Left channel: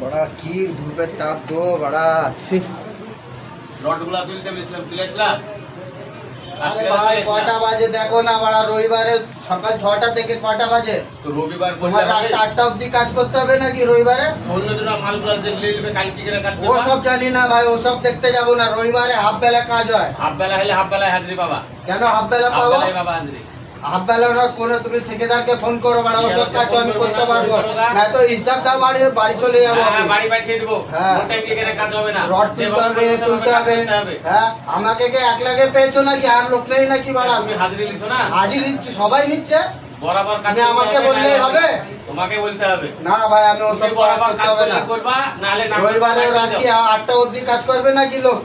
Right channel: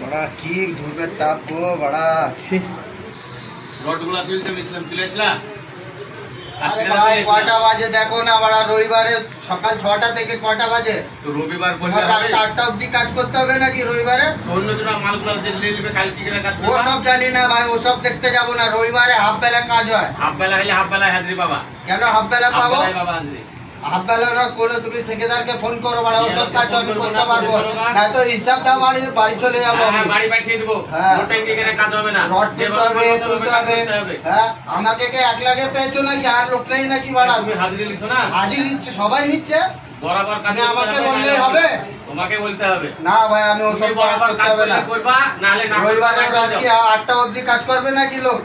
बड़ा की धूपेर ताप गो बड़ा अच्छी রডগুলা তুলতে মিছলাম তুলেছিলা। আরে ভাই কয়টা বাজে দেখো না, বড়া রবিবারে সকাল 6টা থেকে কয়টা বাজে? তো রবিবার তোমার রাত 8টা অবধি কাজ করতে হবে নাকি রবিবারে? অন্যজনা মালগুলা নিয়ে নেবে, কাল কি করে কাজ করবে? ও সব জানি না ভাই, ও সব দেখতে যাব না। রবিবারে হাফ বেলা কাজ হয়। হাফ বেলা হলে হাফ বেলায় হাজিরি পাবা। কেন হাফ বেলা হাফ পাবো? বেলায় পাবা হাজিরি। হাফ বেলা না করে তুমি ঠিকাদারকে ফোন করো, বড়া ও সব কাজ আমি করতে পারবো না। তো হিসাব দাও, বাড়ি চলে যাবো আমি। বাড়ি পাঠিয়ে দেবো। হ্যাঁ। ওর টাইম এখানে কাজ হবে না। রড তুলতে হবে। হ্যাঁ, আমাকে কে একলাগে পেয়েছো নাকি? আর লোক নেই নাকি? বাড়া তুমি হাজিরি নিছো না? হাজির নিচ্ছে, সবাই নিচ্ছে। বরাবর কাজ আমাকে বললেই হবে? তোমাকে বলতে হবে না ভাই, আমি ওসব কাজ করতে হবে না। করবা নালে না রবিবারে রাত্রি 8টা অবধি কাজ করবে নাকি লোক?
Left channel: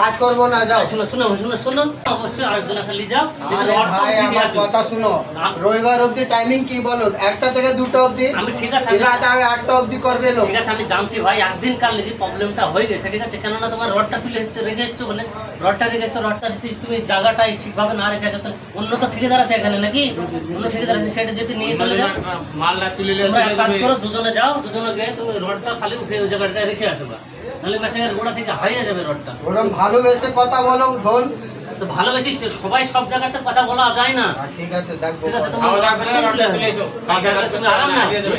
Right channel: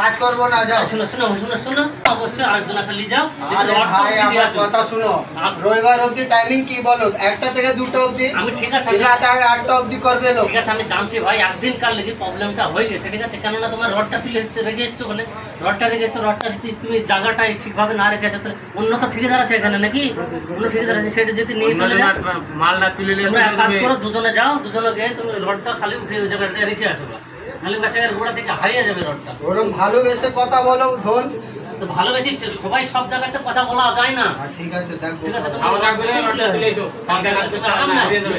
কাজ করবো না, যাও। শুনো শুনো শুনো শুনো, অবশ্যই আরেকজন আসলে যাও। আরে ভাই আমার কথা শুনো, রবিবার অবধি টাইমিং কি বলো? 1টা থেকে 2টা অবধি। আমি ঠিক আছে, রাত 8টা অবধি করবে লোক। ঠিক আছে আমি জানছি ভাই, একদিন কার লেগে প্রবলেমটা হয়ে গেছে, ঠিক আছে? কেননা তোমার রডটা তুলে রেখে এসছো বলে, রডটা রেখে এসছো, রডটা যদি তুমি জায়গাটা ঠিকভাবে না রেখেছো তাহলে অন্য তো ঠিকাদার আছে এখানে নাকি? অন্য ঠিকাদার আছে, সেটা যদি নিয়ে চলে যায় মালটা তুলে নিয়ে চলে কাজ যাবে। করো, দুজনে যাও, দুজনে গিয়ে তুমি রডটা খালি উঠে ওই জায়গাটা রেখে আসো, নাহলে মেশিনের গোড়া থেকে হারিয়ে যাবে রডটা। ওরম ভালোবেসে কথা বলো ধন। তো ভালোবেসে সবাই সব জায়গাতে কথা বলা যায় না। ঠিক আছে, দেখবো। ঠিক আছে, খাওয়া দাওয়া করে রডটা তুলে এসো, কালকে কাজ করতে হবে না, হারিয়ে যাবে।